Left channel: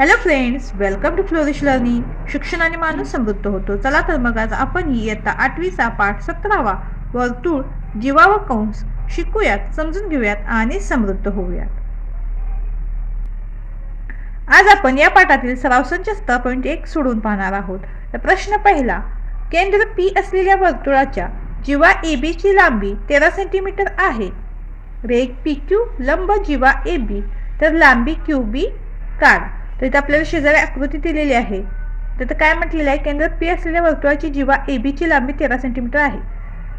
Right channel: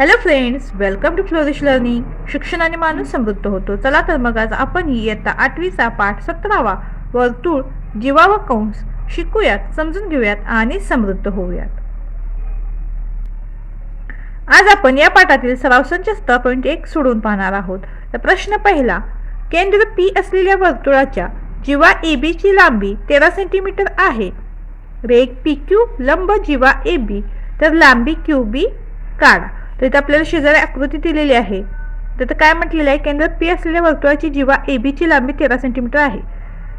Hello friends, welcome to Flourish Learning. शिक्षणाने माणूस समृद्ध होतो. चला तर मग आज आपण इयत्ता 8वीचा पाठ 17वा वर्तुळ जीवा व कंस शिकूयात, समजून घेऊयात आणि समृद्ध होऊयात. आज आपण या पाठातील सराव संच 17.1 सोडून पाहणार आहोत. तर प्रश्न पहिला, केंद्र पी असलेल्या वर्तुळाच्या जीवा ए बी ची लांबी 13 सेंटीमीटर आहे. रेघ पी क्यू लंब जीवा ए बी, तर लांबी क्यू बी काढ. तर इथे आपल्याला शेजारी आकृती दिलेली आहे. तर काय म्हटलेलं आहे, केंद्र पी असलेल्या वर्तुळाची जीवा ए बी ची लांबी 13 सेंटीमीटर आहे.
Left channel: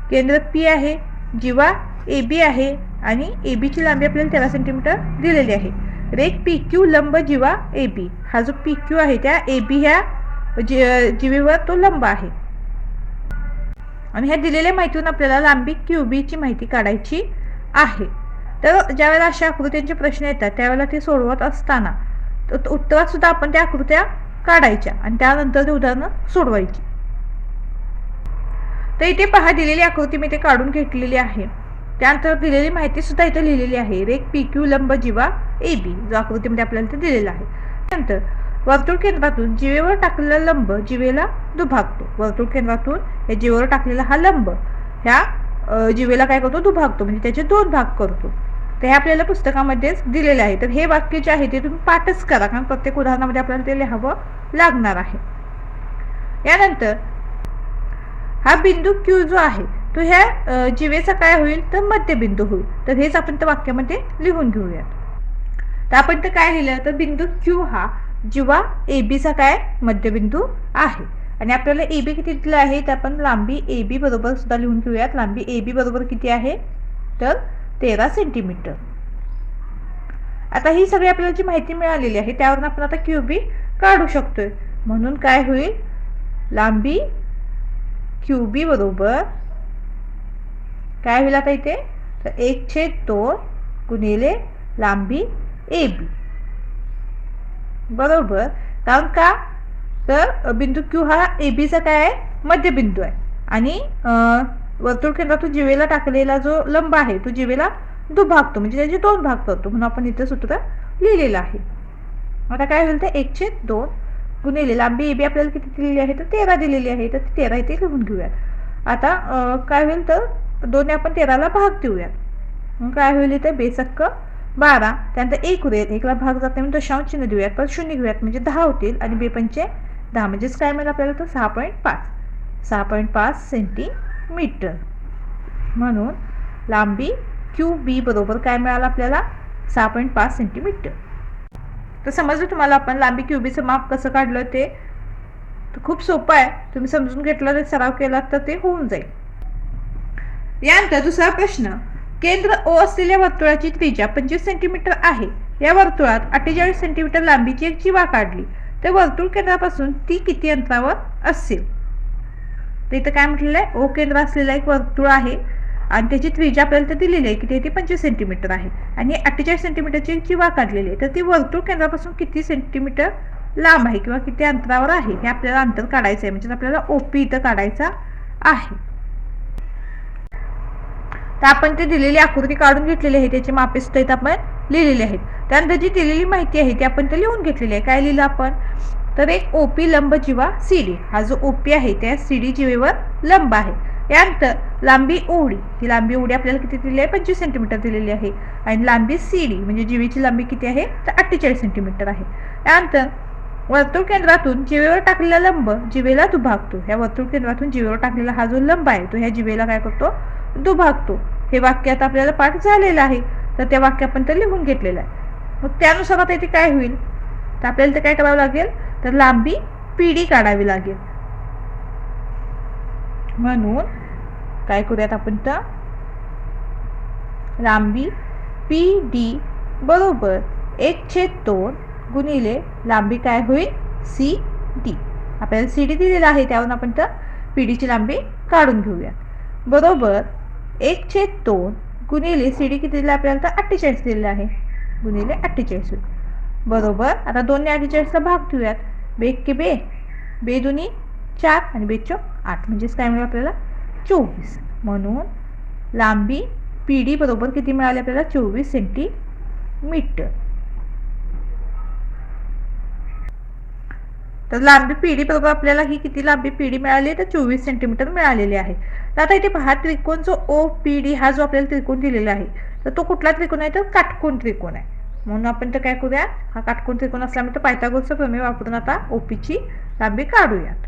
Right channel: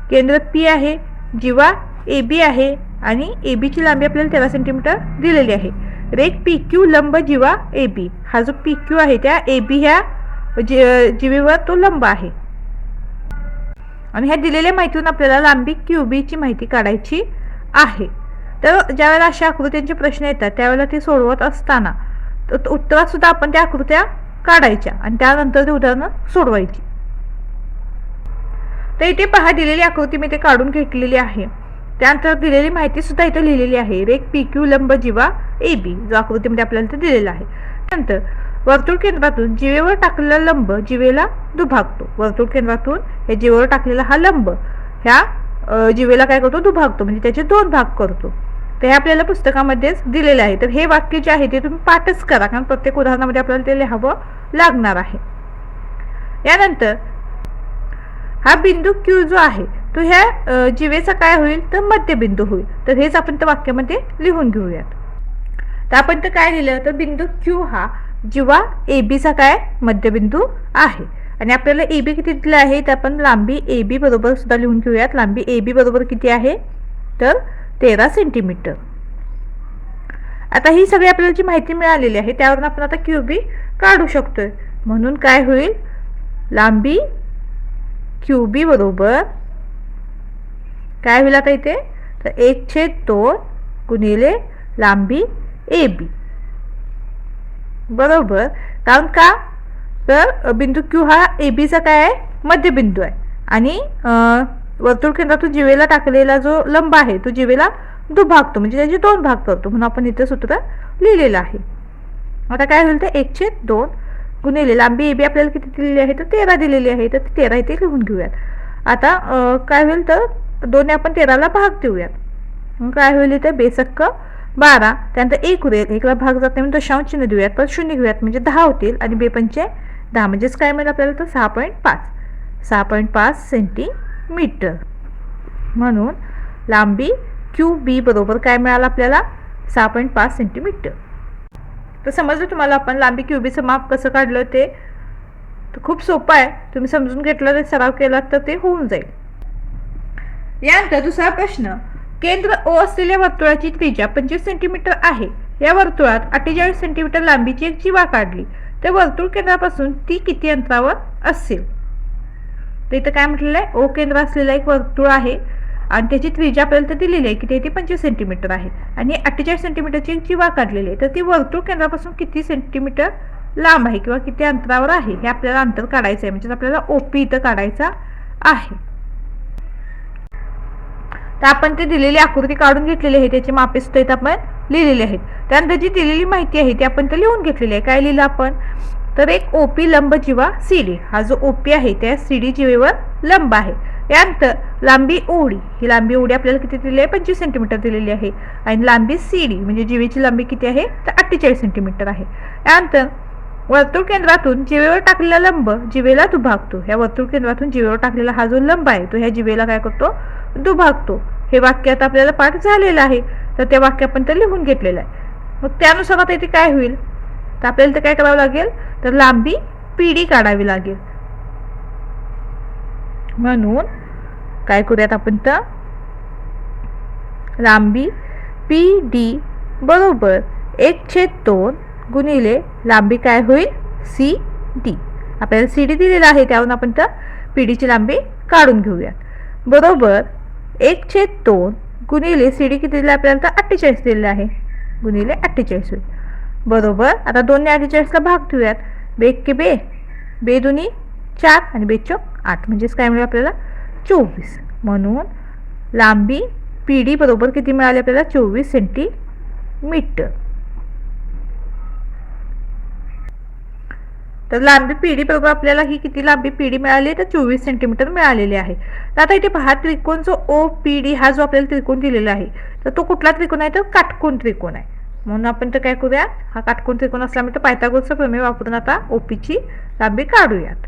केंद्र पी आहे, जीवा ए बी आहे आणि ए बी ची लांबी आपल्याला 13 सेंटीमीटर दिलेली आहे. रेघ पी क्यू लंब जीवा ए बी, हा जो पी क्यू आहे त्या ए बी ह्या जीवेवर तो लंब आहे. आणि ह्या दिलेल्या माहितीतून आपल्याला लांबी क्यू बी ची माहिती काढायची आहे. तर ज्यावेळेला अशा आकृत्यांचे प्रश्न येतात त्यावेळेला ते सोडवत असताना उत्तरात सुद्धा आपण त्या आकृत्या काढायच्या आणि त्यानंतर ते उदाहरणं सोडवायची. तर इथे पहा, दिलेली आकृती मी ते काढून घेतलेली आहे. त्यानंतर दिलेली माहिती सुद्धा इथे लिहिलेली आहे. रेघ पी क्यू लंब जीवा ए बी, जो आकृतीमध्ये आपल्याला ते दिलेला आहे. त्यानंतर वर्तुळ केंद्रातून जीवेवर टाकलेला लंब जीवेला दुभागतो. वर्तुळ केंद्रातून या जीवेवर टाकलेला हा लंब ह्या जीवेला काय करतो, दुभागतो, म्हणजे त्याचे दोन भाग करतो. तर हे आपल्याला पुस्तकामध्येच दिलेलं आहे. तर हे वाक्य जे आहे ते तुम्ही पाठच करा, कारण प्रत्येक उदाहरणामध्ये आपल्याला ते लिहावं लागणार आहे. यानंतर हा बिंदू क्यू जो आहे तो ह्या जीवेचा काय होईल, तर मध्यबिंदू होईल. तर हेच आपण त्या वाक्यामध्ये लिहून घेऊयात. तर आपण तर काय लिहिलं, तर बिंदू क्यू हा जीवा ए बी चा काय मध्यबिंदू आहे. आणि आपल्याला ए बी किती दिलं आहे, तर आपण लांबी ए बी बरोबर सुद्धा लिहून घेऊयात. लांबी ए बी बरोबर किती आहे, तर 13 सेंटीमीटर. आता ही सगळी आपल्याला जी माहिती मिळालेली आहे त्यावरून आपण आता क्यू बी काढू शकतोय. म्हणून काय होईल, लांबी क्यू बी बरोबर काय होईल आता इथे, तर 1/2 गुणिले लांबी ए बी बरोबर. कारण का, तर बिंदू क्यू हा ए बी चा काय आहे, मध्यबिंदू आहे. आणि वर्तुळ केंद्रातून जीवेला टाकलेला जो लंब आहे तो जीवेला दुभागतो, म्हणजे त्याचे दोन भाग करतो. म्हणून आपण इथे सूत्र लिहिलेलं आहे. आता काय होईल, तर 1/2 गुणिले लांबी ए बी आपल्याला किती दिलेली आहे, तर 13 दिलेली आहे. तर 13 इथे लिहून घेऊयात. आता काय होईल, तर दोन्ही आपण 13ला भाग देऊयात. मग काय होईल, इथे बेसक्क 12, त्यानंतर 1 उरेल, 1ला भाग जात नाही, दशांश चिन्ह देऊयात, परत 0 घेऊयात, म्हणजे 10 होतील. आणि 2×5 म्हणजेच काय मिळेल आपल्याला, तर 6.5 सेंटीमीटर. म्हणून लांबी क्यू बी बरोबर काय मिळालं आपल्याला, 6.5 सेंटीमीटर. तर समजलं तुम्हाला आपण लांबी क्यू बीचं माप कसं काढलं ते. तर खूप सोपं आहे, तुम्ही समजून घेतलं तर सराव केला तर ते होऊन जाईल. यानंतर दुसरा प्रश्न, केंद्र ओ असलेल्या वर्तुळाची त्रिज्या 25 सेंटीमीटर आहे. या वर्तुळात 48 सेंटीमीटर लांबीची एक जीवा काढली, तर वर्तुळ केंद्रापासून ती किती अंतरावर असेल. तर इथं काय म्हटलेलं आहे, ओ केंद्र असलेला एक वर्तुळ आहे आणि त्याची त्रिज्या आपल्याला दिलेली आहे की ती 25 सेंटीमीटर आहे आणि 48 सेंटीमीटरची एक जीवा काढलेली आहे. तर ती वर्तुळ केंद्रापासून किती सेंटीमीटर लांब आहे किंवा किती अंतरावर आहे हे आपल्याला अंतर काढायचं आहे. म्हणजे आपल्याला ओपी इथं काढायचा आहे. तर आपण ती दिलेली आकृती काढून घेतलेली आहे, त्याची मापे सुद्धा इथं आपण लिहिलेली आहेत. त्यानंतर जी दिलेली माहिती आहे ती आपण तर लिहून घेतलेली आहे. काय लिहिलं आपण, तर एक ओपी लंब जीवा सी डी, हा जो ओपी आहे त्या सी डी जीवेवर लंब आहे. यानंतर लांबी ओडी, ही लांबी ओडी आपल्याला किती दिलेली आहे, 25 सेंटीमीटर दिलेली आहे. आणि लांबी सी डी म्हणजे जीवेची लांबी किती आहे, तर 48 सेंटीमीटर आहे. यानंतर वर्तुळ केंद्रातून जीवेवर टाकलेला लंब जीवेला दुभागतो. ह्या वर्तुळ केंद्रातून जीवेवर टाकलेला हा जो लंब आहे तो ह्या जीवेला काय करतो, दुभागतो. हे वाक्य आता आपल्याला पाठ झालेलं आहे. तर ते वाक्य आपण तर लिहून घेतलेलं आहे. मग त्यानुसार आता इथे काय होईल, तर आपल्याला ते काय करावं लागेल, तर लांबी पी डी काढावी लागेल. म्हणून काय करूयात आपण, तर लांबी पी डी बरोबर 1/2 गुणिले लांबी काय होईल, सी डी. आपल्याला सी डी दिलेला आहे त्यावरून आपण तर पी डीची लांबी काढून घेऊयात. बरोबर 1/2 गुणिले सी डी किती दिलं आपल्याला, तर 48 दिलेलं आहे, गुणिले 48 होईल. बरोबर. आता 2 ने 48ला भाग देऊयात. 2 के 2, 2 दुनी 4 आणि 2 चौक 8, म्हणजेच काय मिळेल आपल्याला, 24. म्हणून लांबी पी डी बरोबर किती मिळाली आपल्याला, 24 सेंटीमीटर. तर लांबी पीडी बरोबर आपल्याला ही किती लांबी पीडी मिळाली आहे, तर 24 सेंटीमीटर मिळालेली आहे. तर आता इथे पहा, त्रिकोण जो ओ पी डी हा जो आपल्याला त्रिकोण दिलेला आहे, तर तो कुठला त्रिकोण आहे, तर काटकोन त्रिकोण आहे. म्हणून आपण तर काय करूया, हा काटकोन त्रिकोण असल्यामुळे पायथागोरसचा प्रमेय वापरून आता ओपीची लांबी काढूयात.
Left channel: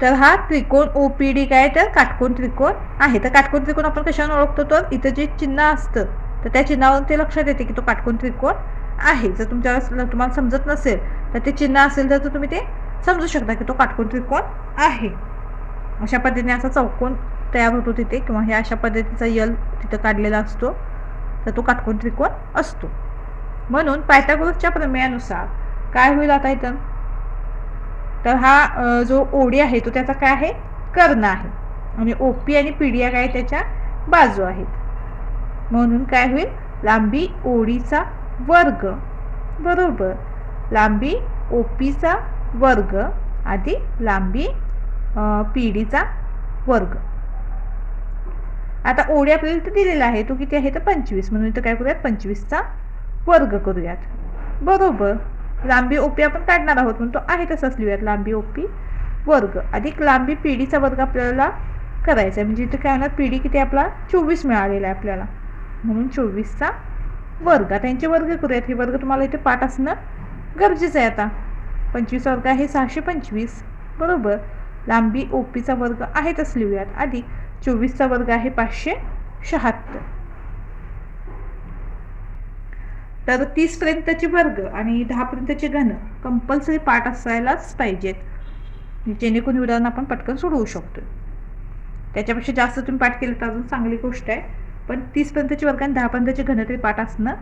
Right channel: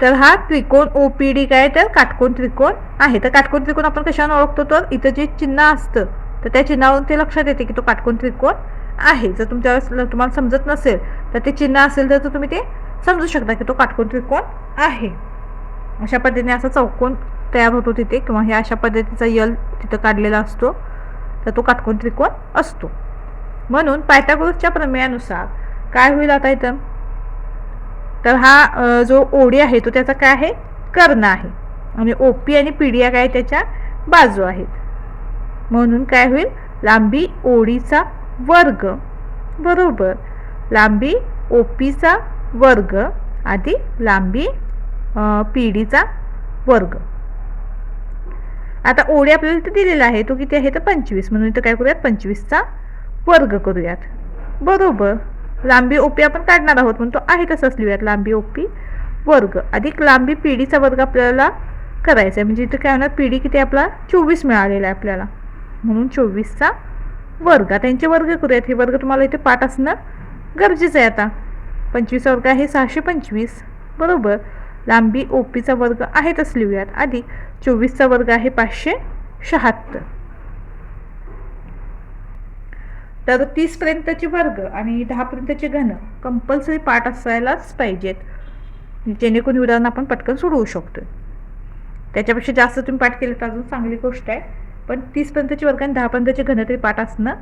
तर हा त्रिकोण ओपीडी काय, तर काटकोन त्रिकोण आहे. तर काटकोन त्रिकोण आपण कशाने ओळखतो, तर इथं जे चिन्ह असतं तर त्या चिन्हावरून ते लक्षात येते की तो काटकोन त्रिकोण आहे. जर तुम्हाला समजत नसेल तर ते चिन्ह असेल तर तुम्ही ते समजू शकता की तो काटकोन त्रिकोण आहे. अशा पद्धतीने असा चौकोन तयार होतो तिथे, किंवा हे अशा पद्धतीचा यल तिथं काढलेला असतो, तर तो काटकोन त्रिकोण असतो. म्हणून पायथागोरसच्या प्रमेयानुसार काय होईल आता इथं, तर हा जो ओडी आहे तो त्याचा काय आहे, कर्ण आहे, आणि ओपी आणि पीडी या काय त्याच्या बाजू आहेत. म्हणून काय होईल, लांबी ओडीचा वर्ग बरोबर लांबी ओपीचा वर्ग अधिक लांबी पीडीचा वर्ग. आता ओडी आपल्याला इथे दिलेला आहे, तो किती आहे, तर 25. म्हणून इथं काय करूयात, 25चा वर्ग करूयात बरोबर. लांबी ओपी आपण काढणार आहोत म्हणून तो आहे तसंच लिहूयात, लांबी ओपी वर्ग अधिक लांबी पीडीचा वर्ग आपल्याला करायचा आहे. म्हणजे इथं काय होणार, पीडी किती आपला 24 मिळालेला आहे आपल्याला, म्हणून 24चा वर्ग. आता यांचे वर्ग करूयात. हे वर्ग तुम्हाला इथे पाठ असणं गरजेचं आहे. आता 25 वर्ग आहे 625 बरोबर. लांबी ओपीचा वर्ग आहे तसं लिहूयात अधिक 24चा वर्ग आहे 576. तर 30 पर्यंतचे वर्ग आणि 10 पर्यंतचे घन कंपल्सरी पाठ असायलाच पाहिजेत, जेणेकरून उदाहरण आपण पटकन सोडवू शकतो. त्याच्यापेक्षा जास्त तुम्ही पाठ केले तर अजून चांगली गोष्ट आहे, पण 30 पर्यंतचे वर्ग आणि 10 पर्यंतचे घन तरी पाठ असणं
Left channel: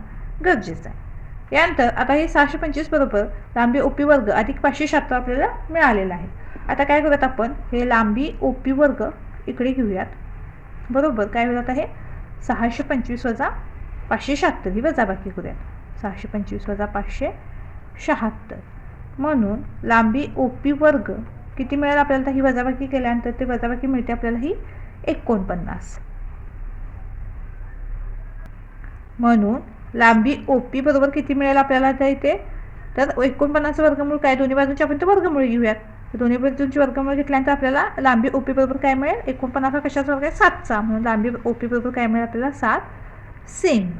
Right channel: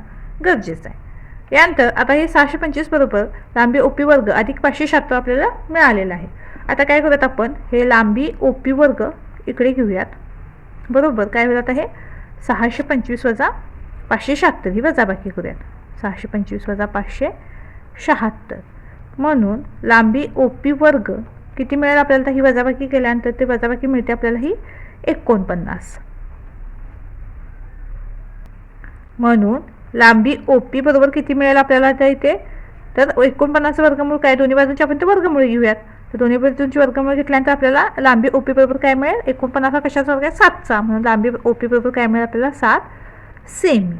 गरजेचं आहे. यानंतर आता हे 625 बरोबर लांबी ओपी वर्ग अधिक 576 आपल्याला मिळालेलं आहे. आता काय करूयात, आपण हे लांबी ओपी वर्ग इकडे घेऊयात बरोबर. काय होईल आता, हे 625 वजा 576 ही वजाबाकी करूयात. 625 वजा 576 म्हणून लांबी ओपी वर्ग किती मिळेल आपल्याला, तर ही वजाबाकी केल्यानंतर ते वजाबाकी मिळते आपल्याला ही 49. म्हणून लांबी ओपी बरोबर किती मिळेल आपल्याला तर इथे, तर 49 वर्गमूळ काय, दोन्ही बाजूंचे आपण ते वर्गमूळ घेऊयात. तर दोन्ही बाजूंची वर्गमूळ घेतल्यानंतर आपल्याला लांबी ओपी बरोबर काय मिळेल, 49 कशाचा वर्ग आहे, 7चा. म्हणून लांबी ओपी बरोबर काय मिळेल आपल्याला, 7 सेमी.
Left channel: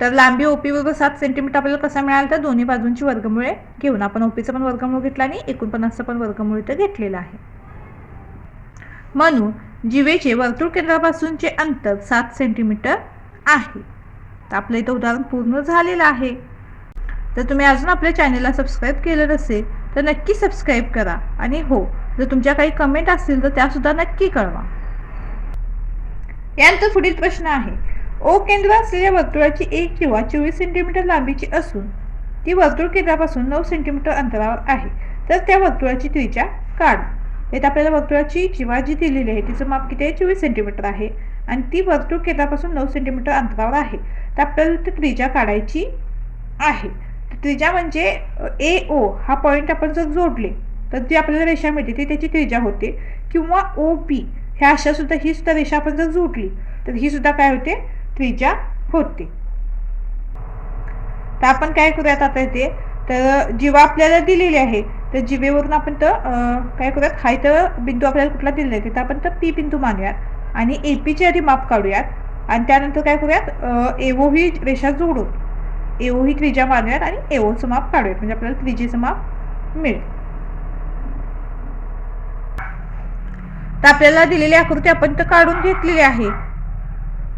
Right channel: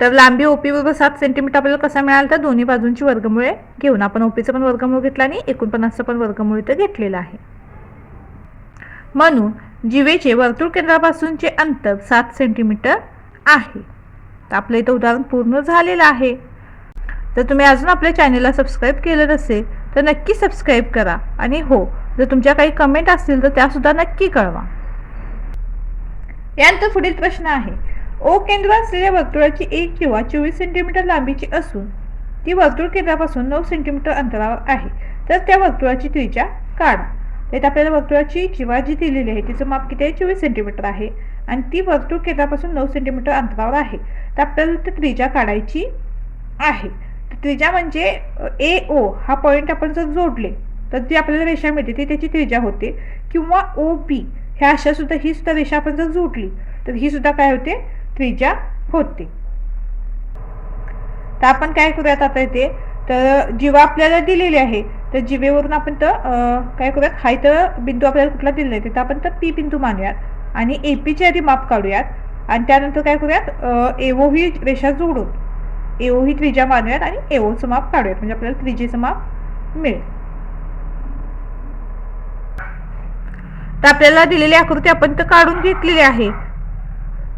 तर लांबी ओपी बरोबर 7 सेंटीमीटर आपल्याला कसा मिळाला, तर दोन्ही बाजूंची वर्गमुळे घेऊन आपण ओपीचं पण वर्गमूळ घेतला आणि 49चं पण वर्गमूळ इथं घेतलेलं आहे. म्हणून जिवेचे वर्तुळ केंद्रापासूनचे अंतर 7 सेंटीमीटर आहे. तर आपलं इथं उदाहरण पूर्ण झालेलं आहे. तर तुम्ही अजून आपल्या चॅनलला सबस्क्राईब केलं नसेल तर नक्की सबस्क्राईब करा, आणि हो, जर तुमच्या काही कमेंट असतील तर त्यासुद्धा नक्की कळवा. यानंतर पुढील प्रश्न आहे, ओ केंद्र असलेल्या वर्तुळाची 1 किंवा 24 सेंटीमीटर लांबीची असून ती वर्तुळ केंद्रापासून 9 सेंटीमीटर अंतरावर आहे, तर त्या वर्तुळाची त्रिज्या काढा. तर आपल्याला वर्तुळाची जीवा जी दिलेली आहे तिचं माप किती आहे, 24 सेंटीमीटर आहे, आणि ती वर्तुळ केंद्रापासून 9 सेंटीमीटर अंतरावर आहे. तर आपल्याला ती त्रिज्या काढायची आहे. त्रिज्या म्हणजे ए ओ हा पॉईंट आपण जर जोडले तर जी आपल्याला रेषा मिळते ती त्याची त्रिज्या होते, किंवा ओ बी ह्या अशा सुद्धा ही सुद्धा रेषा आपण जर जोडली तर ही सुद्धा काय होते, त्रिज्या होते. तर आपण काय करूयात आता इथे, तर जीवा आपल्याला दिलेली आहे, तर जीवेवरून आपण तर काय करूयात, हा इथं बिंदू आपल्याला कुठला दिलेला आहे तर आपण तर पी बिंदू मानूयात आणि एपीचे आधी माप काढूयात, आणि त्यानंतर काय करूयात, एओ ही रेषा जोडून एओ ही त्रिज्या मानूयात आणि एओचं माप काढूयात, म्हणजे आपल्याला त्रिज्येचं माप मिळेल. तर आपल्याला दिलेली आकृती आपण तर काढून घेतलेली आहे.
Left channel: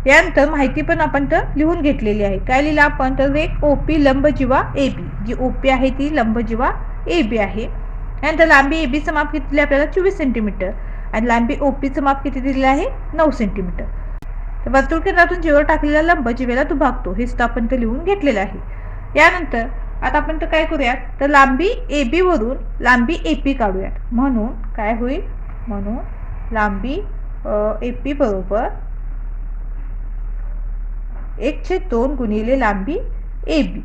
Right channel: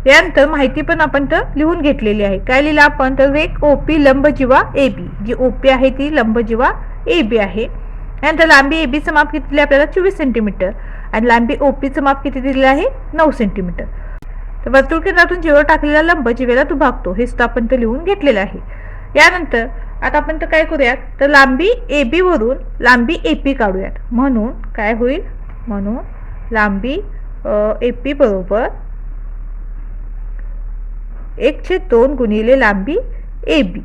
यानंतर माहिती पण आपण तर लिहून घेतलेली आहे. काय लिहिलं आपण, तर एक ओपी लंब जीवा ए बी, जी ओपी आहे ती लंब जीवा ए बी आहे. यानंतर लांबी ए बीचं माप किती दिलं आपल्याला, 24 सेंटीमीटर, आणि लांबी ओपीचं माप किती दिलेलं आहे, 9 सेंटीमीटर. तर वर्तुळ केंद्रातून जीवेवर टाकलेला लंब जीवेला दुभागतो, हे सुद्धा आपण तर लिहून घेतलेलं आहे. यानंतर आता आपण तर काय करूयात, तर लांबी ए बी वरून लांबी ए पी काढूयात. म्हणून काय होईल, म्हणून लांबी ए पी बरोबर 1/2 गुणिले लांबी ए बी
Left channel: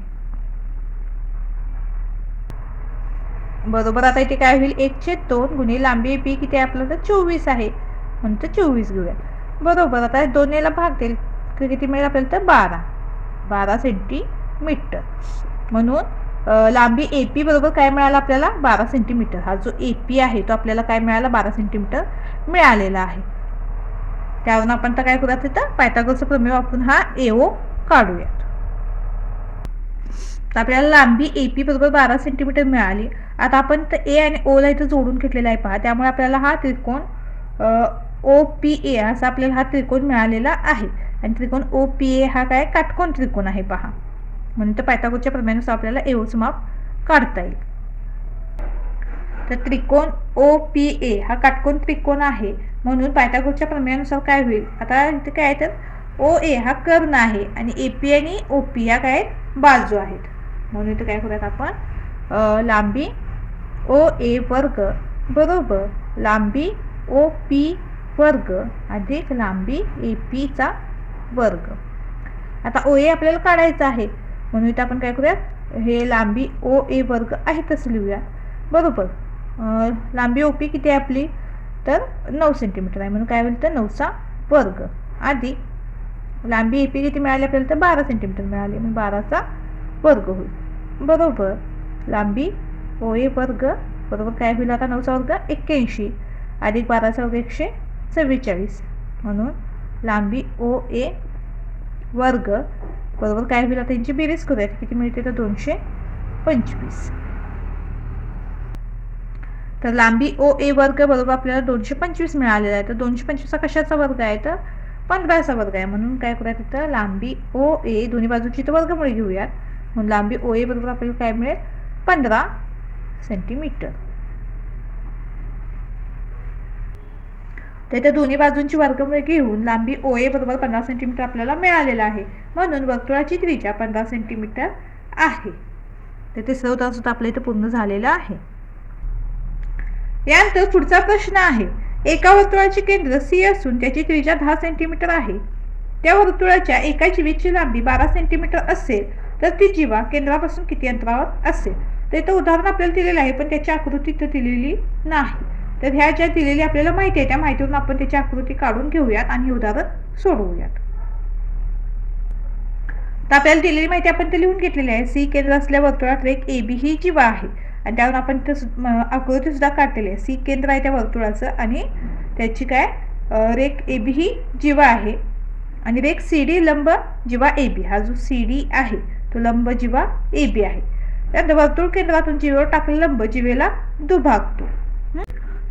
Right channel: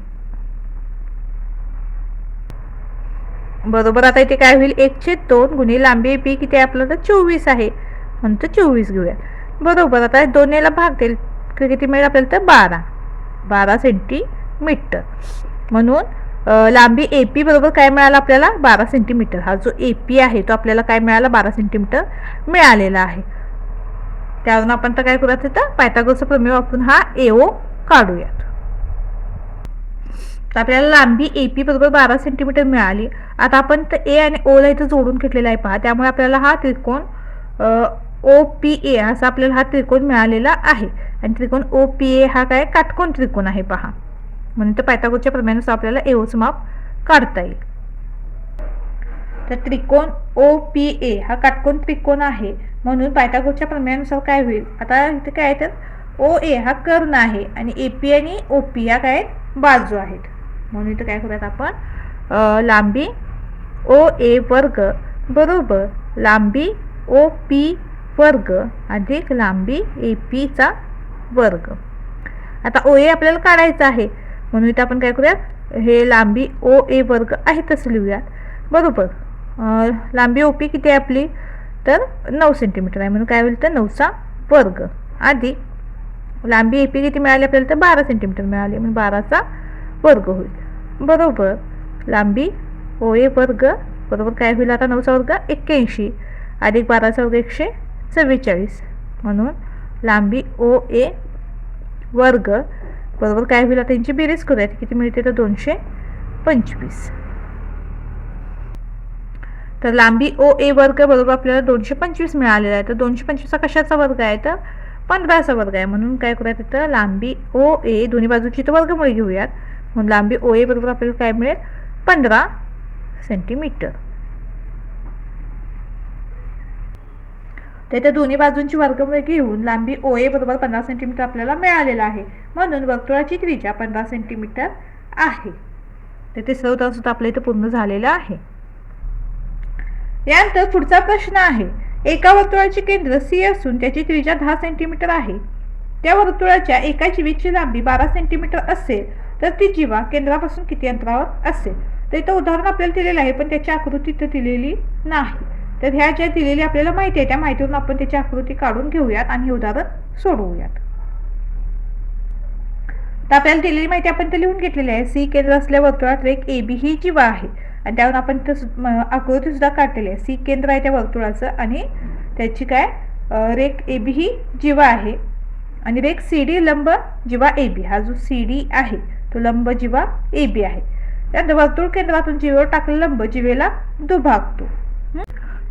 बरोबर. आता इथे काय होईल, 1/2 गुणिले लांबी ए पी किती आहे आपलं, तर 24 आहे, म्हणून 24 घेऊया बरोबर. आता दोन्हीला भाग देईल किती मिळेल आपल्याला तर 12 सेंटीमीटर. म्हणून लांबी AP बरोबर काय मिळालं आपल्याला 12 सेंटीमीटर. हा जो AP आहे तो आपल्याला काय मिळाला 12 सेंटीमीटर मिळालेला आहे. त्यावरून आपण तर काय करूयात तिथं पायथागोरसचा प्रमेय वापरून हा AO काढूयात. तर आपल्याला लांबी AP बरोबर 12 सेंटीमीटर मिळाली. आता आपण तर A आणि O ला इथं जोडून घेतलेला आहे पहा. त्यामुळे आपल्याला हा त्रिकोण OPA असा आपल्याला हा त्रिकोण मिळालेला आहे. आणि त्रिकोण OPA हा काय काटकोन त्रिकोण आहे पहा. म्हणून तर पायथागोरसच्या प्रमेयानुसार आपल्याला AOचं माप काढता येईल. तर त्रिकोण OPA हा काटकोन त्रिकोण आहे. म्हणून पायथागोरसच्या प्रमेयानुसार काय होईल, आता इथे काय आहे तर OA हा कर्ण आहे आणि AP आणि OP या काय बाजू आहेत. म्हणून इथं काय करूयात आपण लांबी OA वर्ग बरोबर लांबी OP वर्ग अधिक लांबी AP चा वर्ग. आता OA आपल्याला काढायचं आहे म्हणून इथं आपण काय करूयात हे लांबी OA वर्ग आहे तसं लिहूया बरोबर. लांबी OP किती आहे आपली तर 9 सेंटीमीटर आहे म्हणून काय होईल तर 9चा वर्ग अधिक लांबी AP किती मिळाली आपल्याला तर 12 सेंटीमीटर मिळाली म्हणून 12चा वर्ग होईल बरोबर. लांबी OA वर्ग बरोबर काय होईल आता 9चा वर्ग 81 अधिक 12चा वर्ग 144 म्हणून लांबी OA वर्ग बरोबर काय होईल आता त्यांची बेरीज करूयात किती मिळते तर 225. तर लांबी OA वर्ग बरोबर आपल्याला 225 मिळालेला आहे. तर 225 हा कशाचा वर्ग आहे तर 15चा वर्ग आहे. म्हणून काय करूयात तिथं लांबी OA दोन्ही बाजूची तर वर्गमूळ घेऊयात. म्हणून लांबी OA बरोबर आपल्याला काय मिळेल 15 सेंटीमीटर. तर इथं दोन्ही बाजूंची वर्गमूळ घेऊन लांबी OA बरोबर 15 सेंटीमीटर आपल्याला मिळालेला आहे. म्हणून वर्तुळाची त्रिज्या 15 सेंटीमीटर आहे. तर ते सर्व तास आपल्या इथं पूर्ण झालेलं आहे. यानंतर पुढचा प्रश्न आहे, एका वर्तुळाचे केंद्र C असून त्याची त्रिज्या 10 सेंटीमीटर आहे. त्या वर्तुळाच्या एका जीवेची लांबी 12 सेंटीमीटर असेल तर ती जीवा केंद्रापासून किती अंतरावर असेल. तर इथं उदाहरण आपल्याला दिलेलं आहे पण त्याची आकृती इथं दिलेली नाही. तर ह्या ज्या दिलेली आपल्याला माहिती आहे त्या माहितीवरून आपण त्याची आकृती काढून घेऊयात आणि हे उदाहरण सोडवूयात. तर आपल्याला दिलेली माहिती आपण ते लिहून घेतलेली आहे. C केंद्र असलेल्या वर्तुळात रेख AB ही जीवा आहे आणि त्यावर आपण इथं आकृती सुद्धा काढलेली आहे. C केंद्र आहे त्या वर्तुळाचं आणि त्याची काय रेख AB ही जीवा आहे आणि रेख CD लंब जीवा AB. हा जो CD आहे तो लंब जीवा AB आहे. त्यानंतर वर्तुळ केंद्रातून जीवेवर टाकलेला लंब जीवेला दुभागतो.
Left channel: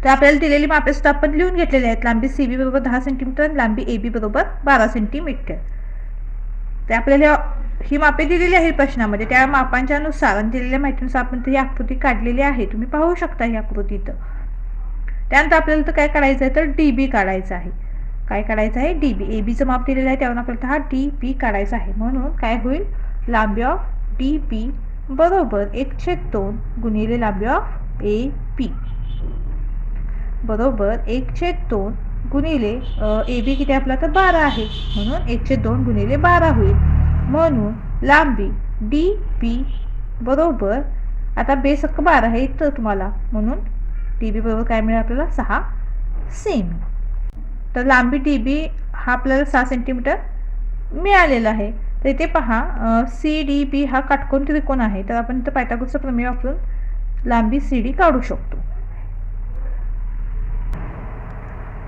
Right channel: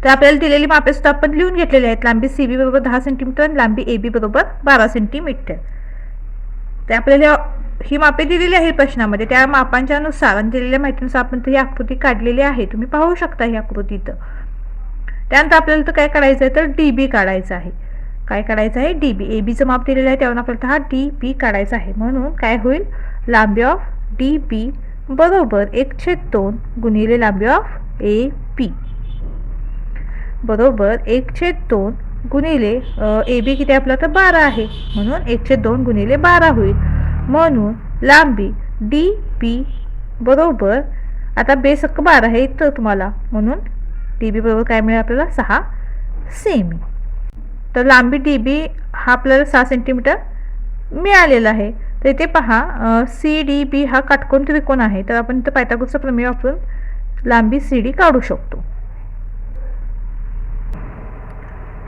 तर आपल्याला दिलेली मापे सुद्धा आपण लिहून घेतलेली आहेत. लांबी CB बरोबर 10 सेंटीमीटर आणि लांबी AB बरोबर 12 सेंटीमीटर. ते आपल्याला ही मापे दिलेली आहे प्रश्नामध्ये. त्या मापांच्या नुसार आणि दिलेल्या माहितीनुसार आपण ही आकृती काढलेली आहे. तुम्ही पाहू शकता ही आकृती इथं. त्यानंतर आपल्याला तर काय काढायचं आहे तर DB काढायचं आहे. काय काढायचं आहे DB. ABचं माप दिलेलं आहे त्यावर आपल्याला हा DB काढायचा आहे. म्हणून काय होईल लांबी ऑफ DB बरोबर 1/2 गुणिले लांबी ऑफ AB बरोबर 1/2 गुणिले AB किती आपला तर 12 आहे म्हणून 1/2 गुणिले 12 होईल. म्हणून लांबी DB बरोबर आता बेस 12 आहे तर तुम्हाला म्हणून DB बरोबर काय मिळेल आपल्याला 6 सेमी. तर लांबी DB हा आपल्याला 6 सेंटीमीटर मिळालेला आहे. तर इथे पहा CDB हा काटकोन त्रिकोण आहे. तर आपण इथं पायथागोरसचा प्रमेय वापरून लांबी CD काढू शकतो.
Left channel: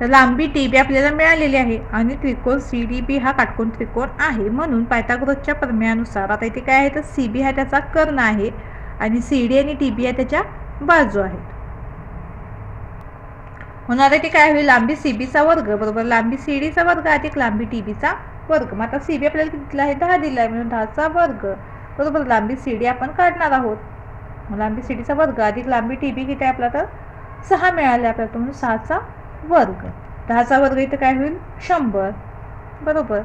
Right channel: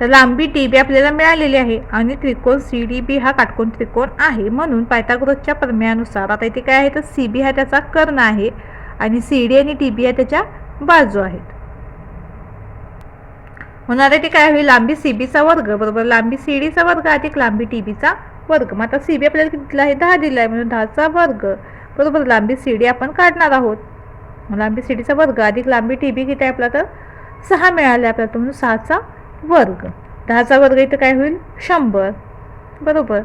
तर लांबी DB आपल्याला मिळालेली आहे आणि त्रिकोण CDB हा काटकोन त्रिकोण आहे. म्हणून पायथागोरसच्या प्रमेयानुसार आता इथे काय आहे तर CB हा त्याचा कर्ण आहे आणि CD आणि DB या त्याच्या बाजू आहेत. म्हणून आता इथे काय होईल लांबी CBचा वर्ग बरोबर लांबी CDचा वर्ग अधिक लांबी DBचा वर्ग. मग आता CB आपल्याला किती दिला आहे 10 दिला आहे म्हणून 10चा वर्ग बरोबर लांबी CD आपण काढणार आहोत. लांबी CDचा वर्ग अधिक लांबी DB किती आहे आपला तर 6 मिळाले आपल्याला म्हणून 6चा वर्ग. 10चा वर्ग इथं काय होईल 100 बरोबर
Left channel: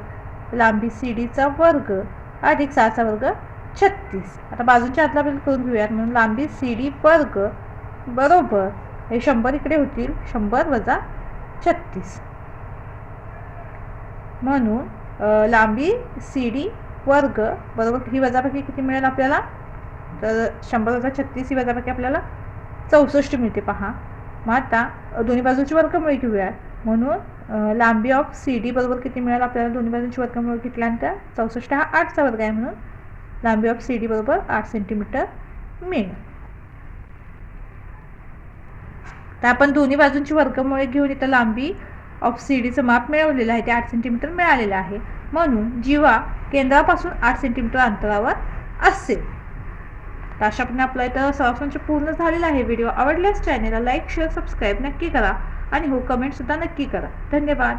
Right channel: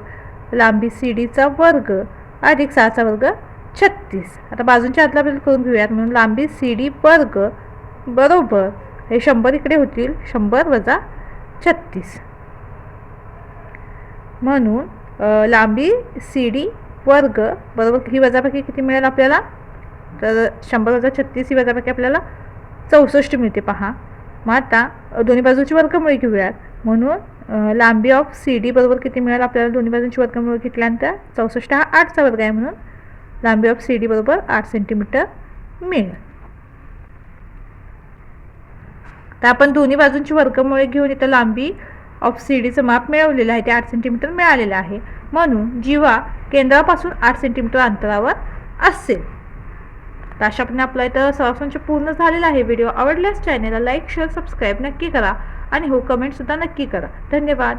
लांबी CDचा वर्ग अधिक 6चा वर्ग 36. आता बाजूंच्या आतला आपल्याला करून घेऊयात. म्हणून लांबी CD वर्ग बरोबर हे 100 इकडे होतील 100 वजा 36 म्हणून लांबी CD वर्ग बरोबर ही वजाबाकी किती मिळेल आपल्याला तर 100 वजा 36 ही वजाबाकी आपल्याला 64 मिळते पहा. मग आता दोन्ही बाजूची वर्गमूळ घेऊयात. म्हणून लांबी ऑफ सी डी बरोबर किती मिळेल आपल्याला दोन्ही बाजूंची वर्गमूळ घेतल्यानंतर 64 हा 8चा वर्ग आहे म्हणून लांबी ऑफ सी डी बरोबर 8 सेंटीमीटर मिळेल. तर आपण दोन्ही बाजूंची वर्गमूळे घेऊन इथं लांबी ऑफ सी डीचं माप मिळवलेलं आहे ते 8 सेंटीमीटर मिळालेलं आहे. म्हणून जीवा केंद्रापासून 8 सेंटीमीटर अंतरावर असेल. तर अशाप्रमाणे आपला इथं सहज पूर्ण झालेला आहे. व्हिडिओ आवडल्यास चॅनलला लाईक शेअर सबस्क्राईब नक्की करा आणि हो कमेंटसुद्धा नक्की करा. धन्यवाद.